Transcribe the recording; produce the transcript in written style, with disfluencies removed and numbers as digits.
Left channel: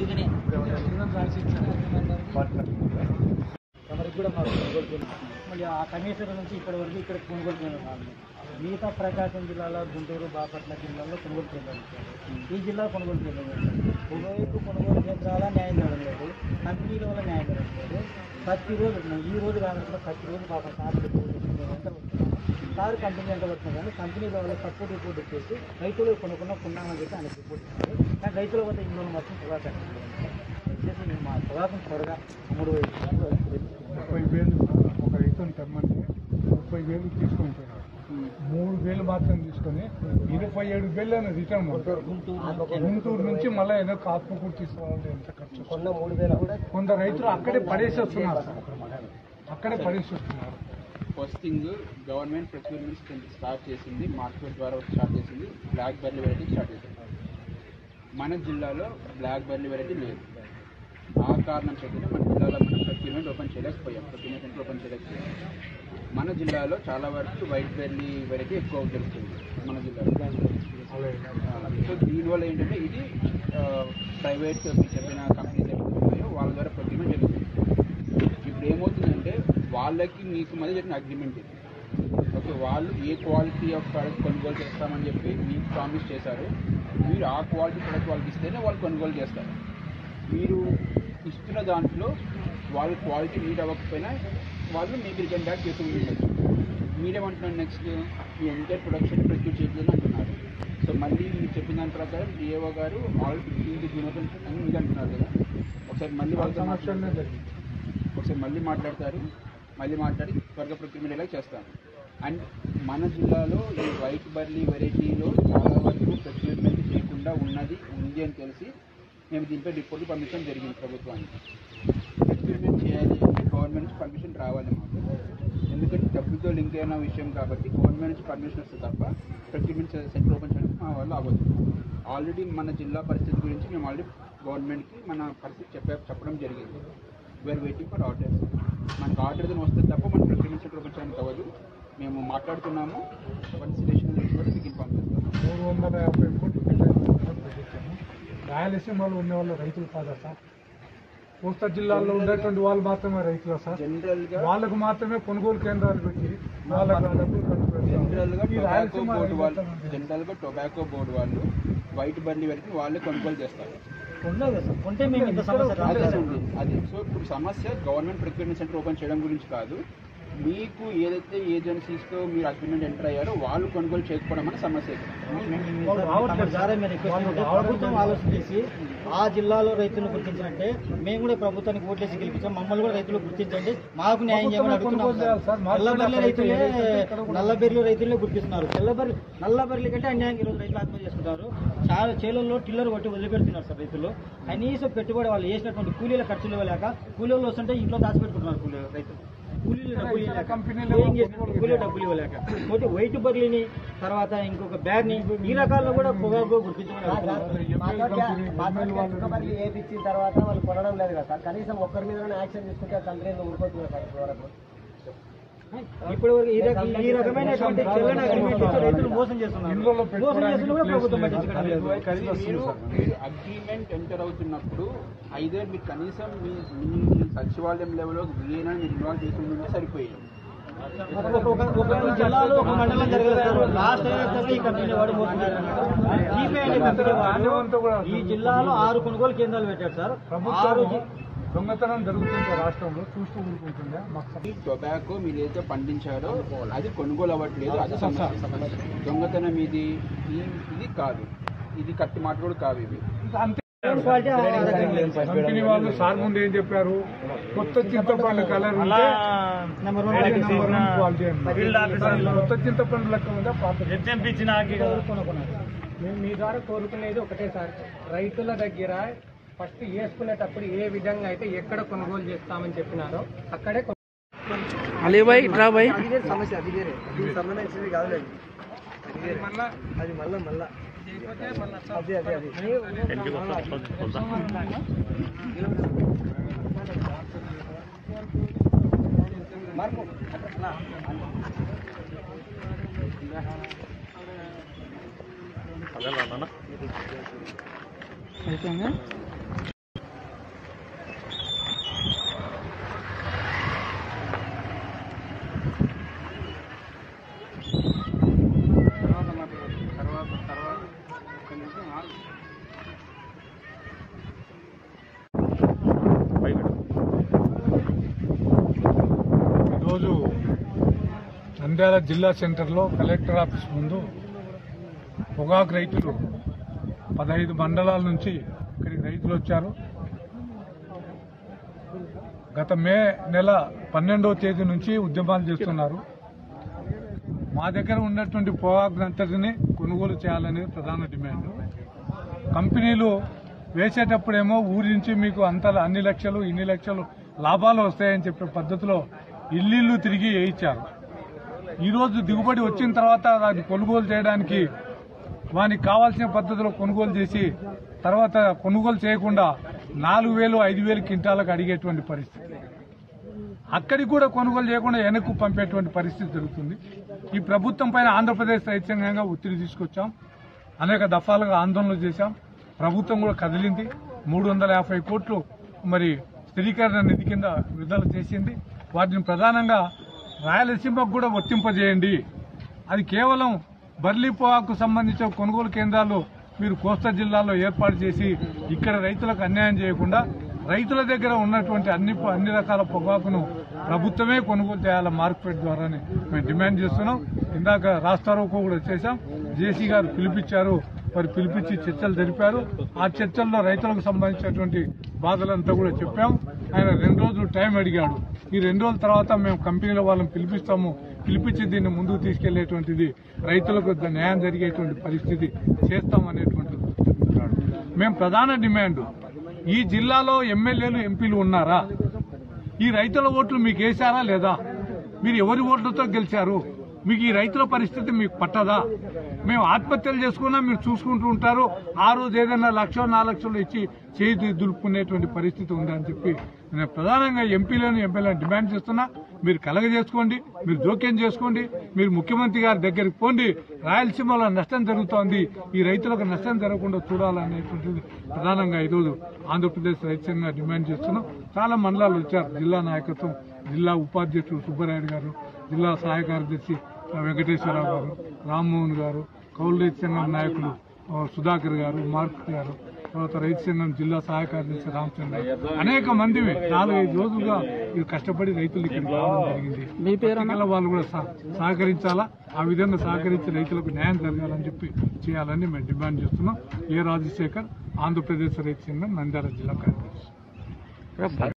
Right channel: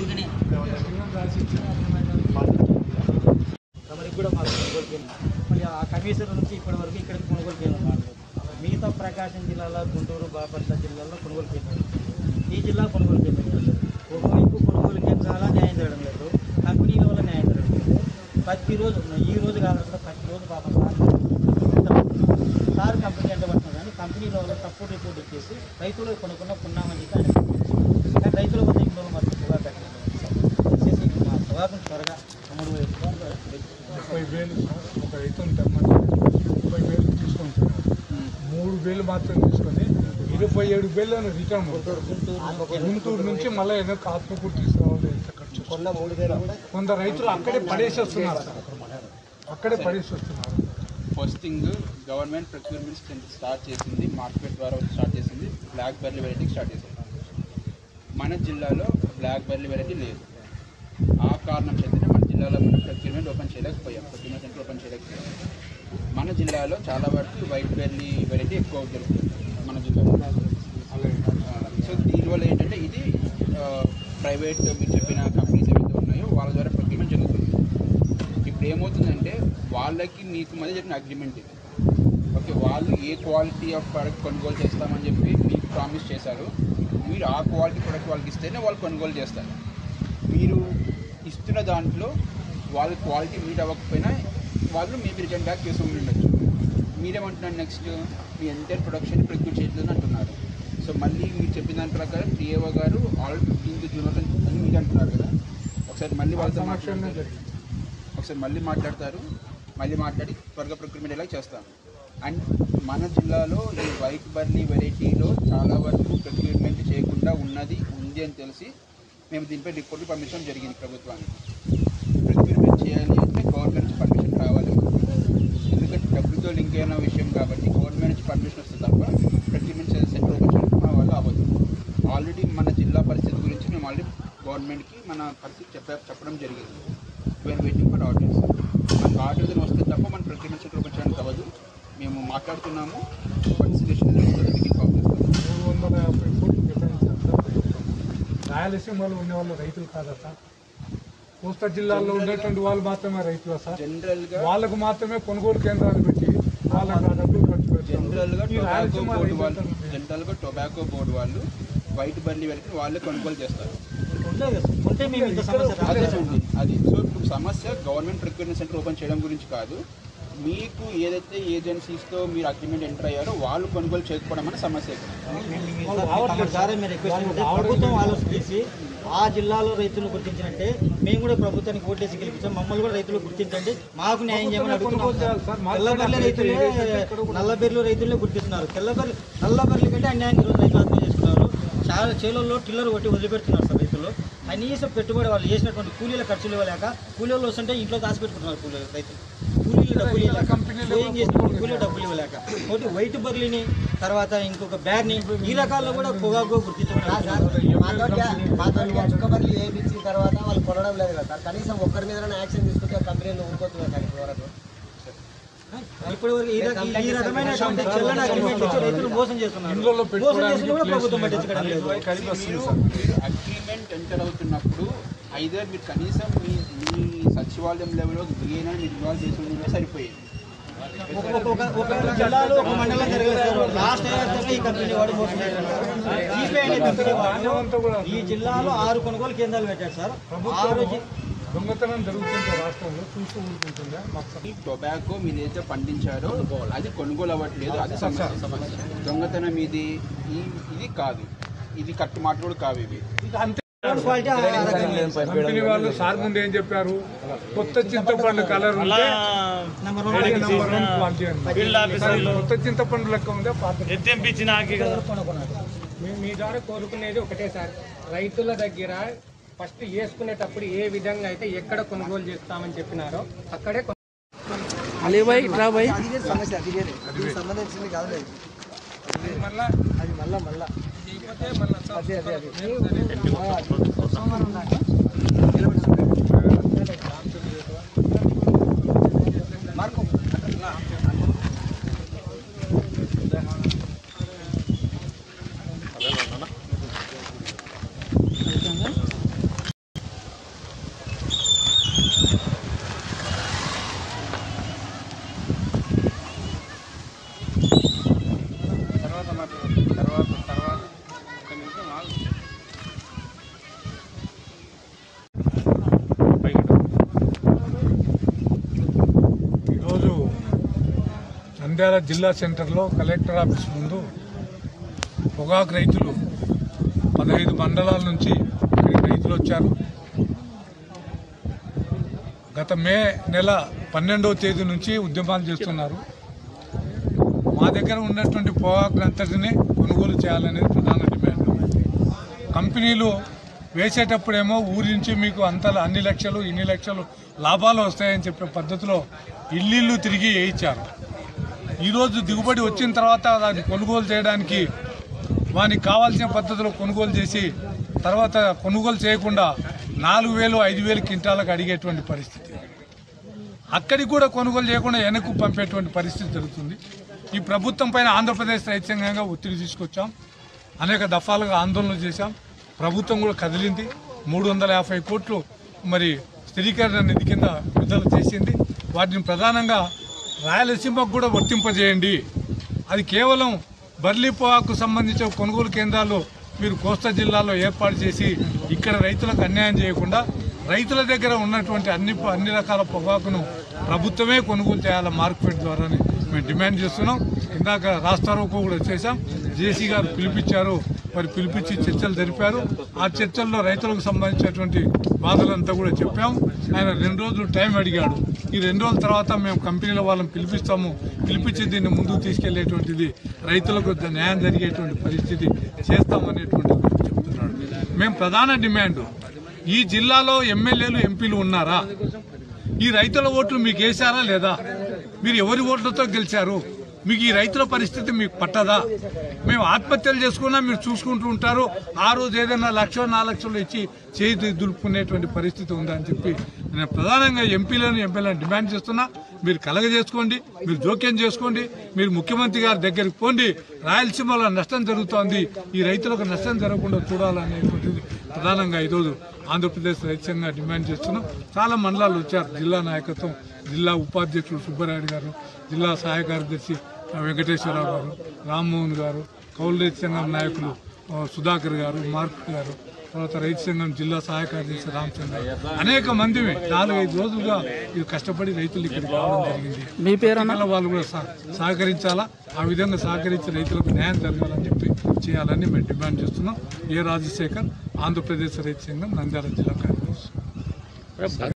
అందుకనే తమరికి కూడా మాకు కొనుగోలు కేంద్రం మళ్ళీ ఆ కమిషనర్ నుంచి ఇక్కడి వరకు ఇక్కడికి కొనుగోలు కేంద్రం కాదు. మిగతా ప్రకాశం జిల్లాలో గుంటూరు బాపట్ల జిల్లాలో కొనుగోలు కేంద్రం, ఈ జిల్లా కొనుగోలు కేంద్రం. ఒకవైపు కొనుగోలు కేంద్రాల న్యాయం చేయడం లేదు, కంపెనీల వల్ల న్యాయం చేయడం లేదు. ప్రతిరోజు ఈ రోజు కాకుండా ప్రతిరోజు పాపం సార్ కంపెనీ ఎంత పడుతుంది కానీ కంపెనీ వల్ల తక్కువ రిపోర్ట్ ఇచ్చేసి రైతులు కొనుక్కున్నామని చెప్పి ఆయన కానీ రైతుల వద్ద ఇంట్లో మాత్రం సువాపం వచ్చేసి మా సువాపం త్వరగా 30,000 ఒక రైతుని తెమ్మంటే 30,000 తీసుకుంటున్నారు. 3,000 మాత్రం తీసుకొని 27,000 రిటర్న్ గుంటూరు నుంచి మళ్ళీ ఏదో ఆత్మకూరు తీసుకురావాలి. ఎంత ఖర్చు కొంత రైతులు అక్కడే పడేసేస్తున్నారు, అక్కడే పడేసేస్తున్నారు. First thing government procurement start చేసింది, మార్కెట్ ద్వారా స్టార్ట్ చేసింది, బ్లాక్ బెర్రీ వెరైటీ స్టార్ట్ చేసింది. మన జిల్లాలో బ్లాక్ బెర్రీ వెరైటీ లేదు. ఆ కారణం చేతనే మన జిల్లాలో మనం ప్రొక్యూర్మెంట్ ఓపెన్ చేయలేకపోయాం, ప్రొక్యూర్మెంట్ సెంటర్ ఓపెన్ చేయలేకపోయాం. మన జిల్లాలో చాలా వరకు వైట్ బెర్రీ వెరైటీ ఎక్కువ దొరుకుతుంది మన జిల్లాలో. సో దీనివల్ల ఏంటంటే ఇది ప్రైవేట్ మీరు చెప్పిన కంపెనీస్ ఏవైతే ఉన్నాయో వాళ్ళ ద్వారా ప్రొక్యూర్మెంట్ జరుగుతుంది. ఇప్పుడు ఏమవుతుందంటే వాళ్ళకి మీకు మధ్య జరిగిన అగ్రిమెంట్ ఇది. ఓకే, వాళ్ళు ఏ క్వాలిటీ ఆఫ్ ప్రోడక్ట్ కొనుగోలు చేస్తామని చెప్పి మీకు ప్రామిస్ చేశారు. మీరు ఆ క్వాలిటీ ప్రోడక్ట్ వాళ్ళకి ఇస్తేనే వాళ్ళు కొనుగోలు చేస్తారు. మీరు ఇస్తున్న దాంట్లో వాళ్ళ క్వాలిటీ మీట్ అవ్వకపోయినా వాళ్ళు మేబీ రిటర్న్ బ్యాక్ చేసి ఉండొచ్చు. మీరేమంటున్నారు, నెక్స్ట్ మీ ఎంటైర్ ప్రొడక్షన్ ప్రొక్యూర్ చేయట్లేదని అంటున్నారు. సో మళ్ళీ మీరు చెప్పిన దాని ప్రకారం డిఏఓ గారు ఆల్రెడీ 15th జూన్ అని మీరు అంటున్నారు కదా. ఒకసారి మళ్ళీ వాళ్ళతో మాట్లాడతారు, మళ్ళీ మాట్లాడి త్వరగా ప్రొక్యూర్మెంట్ ఎలా చేస్తాము. అండ్ మన జిల్లాలో ఈ వైట్ బర్లీ వెరైటీలో చాలా వరకు ప్రొక్యూర్మెంట్ చేయకుండా ఉంది అని తెలిసి మేము దీనిపై రిపోర్ట్ పర్మిషన్ జరిగింది ప్రభుత్వానికి. ప్రొక్యూర్మెంట్ చేయాలి అంటే గవర్నమెంట్ నుంచి పర్మిషన్ రావాలి, ఎందుకంటే డబ్బులతో లింక్ అయిన విషయం కాబట్టి గవర్నమెంట్ నుంచి పర్మిషన్ వస్తుంది తప్ప ప్రొక్యూర్మెంట్ సెంటర్ ఓపెన్ చేయడానికి మా వాళ్ళు అవ్వదు. ఆల్రెడీ మన జిల్లా పరిస్థితి గురించి మేము ఆల్రెడీ గవర్నమెంట్కి మన పరిస్థితి చెప్పడం జరిగింది. We are waiting for orders. మనకు ఆర్డర్ వస్తుంది తప్ప మన ప్రొక్యూర్మెంట్ సెంటర్ ఓపెన్ చేయడానికి అవ్వదు. మేము మాట్లాడుతున్నాము, కన్సిడరేషన్ మీకు ఇన్ఫార్మ్ చేస్తాము. 350 కోట్లు కేటాయించారు. రాయలసీమలో ఉండేవాళ్ళు రైతులు కాదా సార్? కోస్తా జిల్లాలో ఉండేటువంటి వాళ్ళు మాత్రమే రైతులు సార్. జనరల్గా వాళ్ళకు మాత్రమే కొనుగోలు కేంద్రాలు పెట్టి వాళ్ళకి డబ్బులు ఖర్చు పెడతారు. జనరల్గా టొబాకో బోర్డు వాళ్ళు వైట్ బర్లీ వెరైటీ వాళ్ళే కొనుగోలు చేస్తారు. అది సో ఇప్పుడు సమస్య గవర్నమెంట్ ప్రొక్యూర్మెంట్ సెంటర్ ఓపెన్ చేయడం గురించి కాదు. మీకు ఏదైతే ఏజెన్సీస్తో మీరు అగ్రిమెంట్ ఎంటర్ అయ్యారో వాళ్ళు కొనుగోలు చేయకపోవడం అనే సమస్య. ప్రభుత్వం ఆలోచించి ఆ జిల్లాలో రైతులను గుర్తించినట్టే మేము కూడా ప్రభుత్వానికి ఓట్లేసి గెలిపించాం. మమ్మల్ని కూడా రైతులు గుర్తించండి, మాకు న్యాయం చేయమని అడుగుతున్నాం. నల్లబెర్లు రైతులనే గుర్తిస్తున్నారు. నల్లబెర్ల కంటే అన్యాయం ఈరోజు రైతులు ఆత్మహత్య చేసుకున్నారు. చాలా చేలల్లో టిల్లర్ కొట్టి వదిలిపెడుతున్నారు సార్ రైతులు. కనీసం పెట్టుబడి వాళ్ళు చేసినటువంటి కూలీల ఖర్చులు ఇవ్వలేక కూలీలు వస్తుంటే ఇంట్లో దాచిపెట్టుకుంటున్నారు రైతులు. కూలీలు డబ్బులు ఇవ్వలేక, ఏం చేస్తున్నారు, కూలీలు డబ్బులు ఇవ్వలేక. ఒకటి వైట్ బర్లీని, తర్వాత ఇంకొక బ్యార్ని, ఈ రకాల్లో కూడా పొగాకు గుర్తించడం. ఏపించిన తర్వాత వాళ్ళు కొనడం లేదు కదా సార్. కనీసం ఒక్కరి మీద యాక్షన్ తీసుకుంటే కంపెనీలు ఊరుకోతున్నారు సార్ ఇప్పటివరకు. ఇప్పటివరకు ఈ రకమైనటువంటి చెల్లని అగ్రిమెంట్ ఇచ్చి రైతులు మోసం చేస్తున్నారు. మోసం చేసి కూడా ప్రభుత్వం పట్టించడం లేదు. మీరు అగ్రిమెంట్ ఎంటర్ అవుతున్నప్పుడు ఐదర్ మీరు కనీసం మీ సచివాలయం లెవెల్లో విఏనా మీరు ఇన్వాల్వ్ చేసి ఉంటే సరిపోయేది. ఒక జిల్లాలో ఒక మండలం జరగలేదు. లాస్ట్ ఈ కంపెనీ వాడు మోసం చేస్తున్నారు. ఈ జిల్లాలో 6 కొనుగోలు కేంద్రాలు పెట్టారు సార్. దొంగతనం జరుగుతుంటే రాష్ట్రంలో చూస్తూ ఊరుకుంటుందా? టొబాకో మీరు ఏదైతే పండించారో అది కొనుగోలు అవ్వట్లేదు, అది సమస్య. దొంగతనం ఇది కాదు, ఇది కట్టు మాట కూడా కావు. ఇవి కంపెనీ వాళ్ళు సార్ ముందు ఏం చెప్పారు? కొత్త చింతపండు కలర్ ఉంటే నంబర్ 1 క్వాలిటీ అన్నారు. కొత్త చింతపండు లెక్క ఉందా? మేము మీ ద్వారా కోరుకునేది ఒకటే సార్, రైతుల దగ్గర ఫస్ట్ వేసుకునేటప్పుడు ఏ విధంగా అయితే ఎక్కడ కొనుగోలు చేస్తామని చెప్పినారో అక్కడే సమస్య. అది వేరే, సంబంధించింది కాదు. అది మళ్ళా మార్కు ఈరోజు నంద్యాల జిల్లా సెంటర్లో కలెక్టర్ ఆఫీస్ ముందు పొగాకు రైతులు 15 మండలాల నుంచి ఇక్కడికి రైతులు వచ్చారు. గత మే నెల 12వ తేదీ నుంచి ఉద్యమాలు చేస్తున్నారు. మా దగ్గర ఉన్నటువంటి పొగాకు అంతటిని కొనుగోలు చేయాలనేది ప్రధాన డిమాండ్. కంపెనీలు వేసేటప్పుడేమో ఊరి నుంచి మీకు అన్ని లక్షలు ఇన్ని లక్షలు లాభాలు వస్తాయని చెప్పే పద్ధతిలో ఇల్లు తిరిగి వేయించారు. ఈరోజు దిగుబడి వచ్చిన తర్వాత దాన్ని కొనుగోలు చేయడానికి వానికి కావాల్సిన పద్ధతిలో కొనుగోలు చేసి తర్వాత కొనుగోలు చేయకుండా 4,000 5,000 క్వింటాలకు అడిగేటువంటి పరిస్థితి. అక్కడికి కూడా కొనుగోలు చేయకుండా వెనక్కు పంపేటువంటి పరిస్థితి జరుగుతుంది. ఈ ప్రభుత్వం పైన ఆంధ్రప్రదేశ్ రైతు సంఘంగా ఒత్తిడి తీసుకొచ్చాం. అనేక దఫాలుగా ఆందోళనలు చేశాం. ప్రభుత్వం కూడా కదిలింది. 350 కోట్లు మరి స్థిరీకరణ నిధి కింద విడుదల చేసింది. వాటిని ప్రధానంగా రాయలసీమకు కూడా వర్తింపజేయండి. అది కేవలం బర్లీ పొగాకు సంబంధించిన కొనుగోలు కేంద్రాలు మీరు కోస్తా జిల్లాలో ఏర్పాటు చేసి ఇక్కడ రైతులకు అన్యాయం చేయకుండా రైతుల దగ్గర ఉన్నటువంటి అన్ని రకాల పొగాకును ప్రభుత్వమే కొనుగోలు చేయాలి మార్కెట్ ద్వారాని మేము డిమాండ్ చేస్తున్నాం. ఇందాక రాస్తారోకో కూడా చేశాం. జేసీ గారు పిలిపించారు. మరి పిలిపించి చర్చలు జరిపారు. ఆ చర్చల్లో రైతులకు సంబంధించినటువంటి బాధలంతా కూడా చెప్పాం. ఆయన 2 రోజులు టైం అడిగాడు. ఈ 2 రోజుల తర్వాత మేము కంపెనీల వాళ్ళని పిలిపిస్తాము, పిలిపించి దీన్ని ముందుకు తీసుకెళ్లేటువంటిది రైతులకు న్యాయం జరిగేటువంటి పరిస్థితి చేస్తామనేటువంటిది చెప్తున్నాడు. మేము ప్రధాన డిమాండ్, ఈ జిల్లాలో ఎమ్మెల్యేలు ఎంపీలు ఉన్నారా? ఈ రైతుల ఓట్లు మీకు వేశారా లేదా? మీరు ఎవరి ఓట్లతో గెలిచారు? మీకు ఈ రైతుల పరిస్థితి మీకు పట్టదా? మేము ఆత్మహత్యలు చేసుకున్నా మీరు చూసుకుంటూ ఉంటారు. ఆ రోజు ఏదైనా 1,00,000 4 లక్షలు ఇచ్చి చేతి దులుపుకునేటువంటి పరిస్థితి ఉందని చెప్పి నేను ప్రధానంగా ఎమ్మెల్యేలను డిమాండ్ చేస్తున్నా. మీరు కలగజేసుకోండి, మీరు జోక్యం చేసుకోండి, మీరు ముఖ్యమంత్రి గారి దగ్గరికి పోండి. రాయలసీమలో నష్టం జరుగుతోంది, ఈ రైతులకు నష్టం జరగకుండా చూడాలనేటువంటిది ప్రధానంగా ఈరోజు ఆంధ్రప్రదేశ్ రైతు సంఘంగా డిమాండ్ చేస్తున్నాం. చాలా మండలాలు వచ్చారు. జిల్లా నాయకత్వం, జిల్లా ఉపాధ్యక్షులు సుబ్బరాయుడు గారు, జిల్లా సహాయ కార్యదర్శి వెంకటేశ్వరరావు గారు, రామ్మోహన్ గారు, కౌలు రైతు సంఘం నాయకులు సుధాకర్ గారు, మార్క్ గారు, తర్వాత రైతు సంఘం జిల్లా సహాయ కార్యదర్శి రామచంద్ర, అనేక మంది 4-5 రోజులుగా ఇది కష్టపడి రైతులు ఇక్కడికి రావడం జరిగింది. మీ పేరు వాళ్ళు కూడా సహకరించాలా. ఆ విధంగా సహకరించి రైతులకు న్యాయం జరగాలని చెప్పి చేయాలని మేము డిమాండ్ చేస్తున్నాం. ఏ రాజశేఖర్, ఆంధ్రప్రదేశ్ రైతు సంఘం నంద్యాల జిల్లా కార్యదర్శి.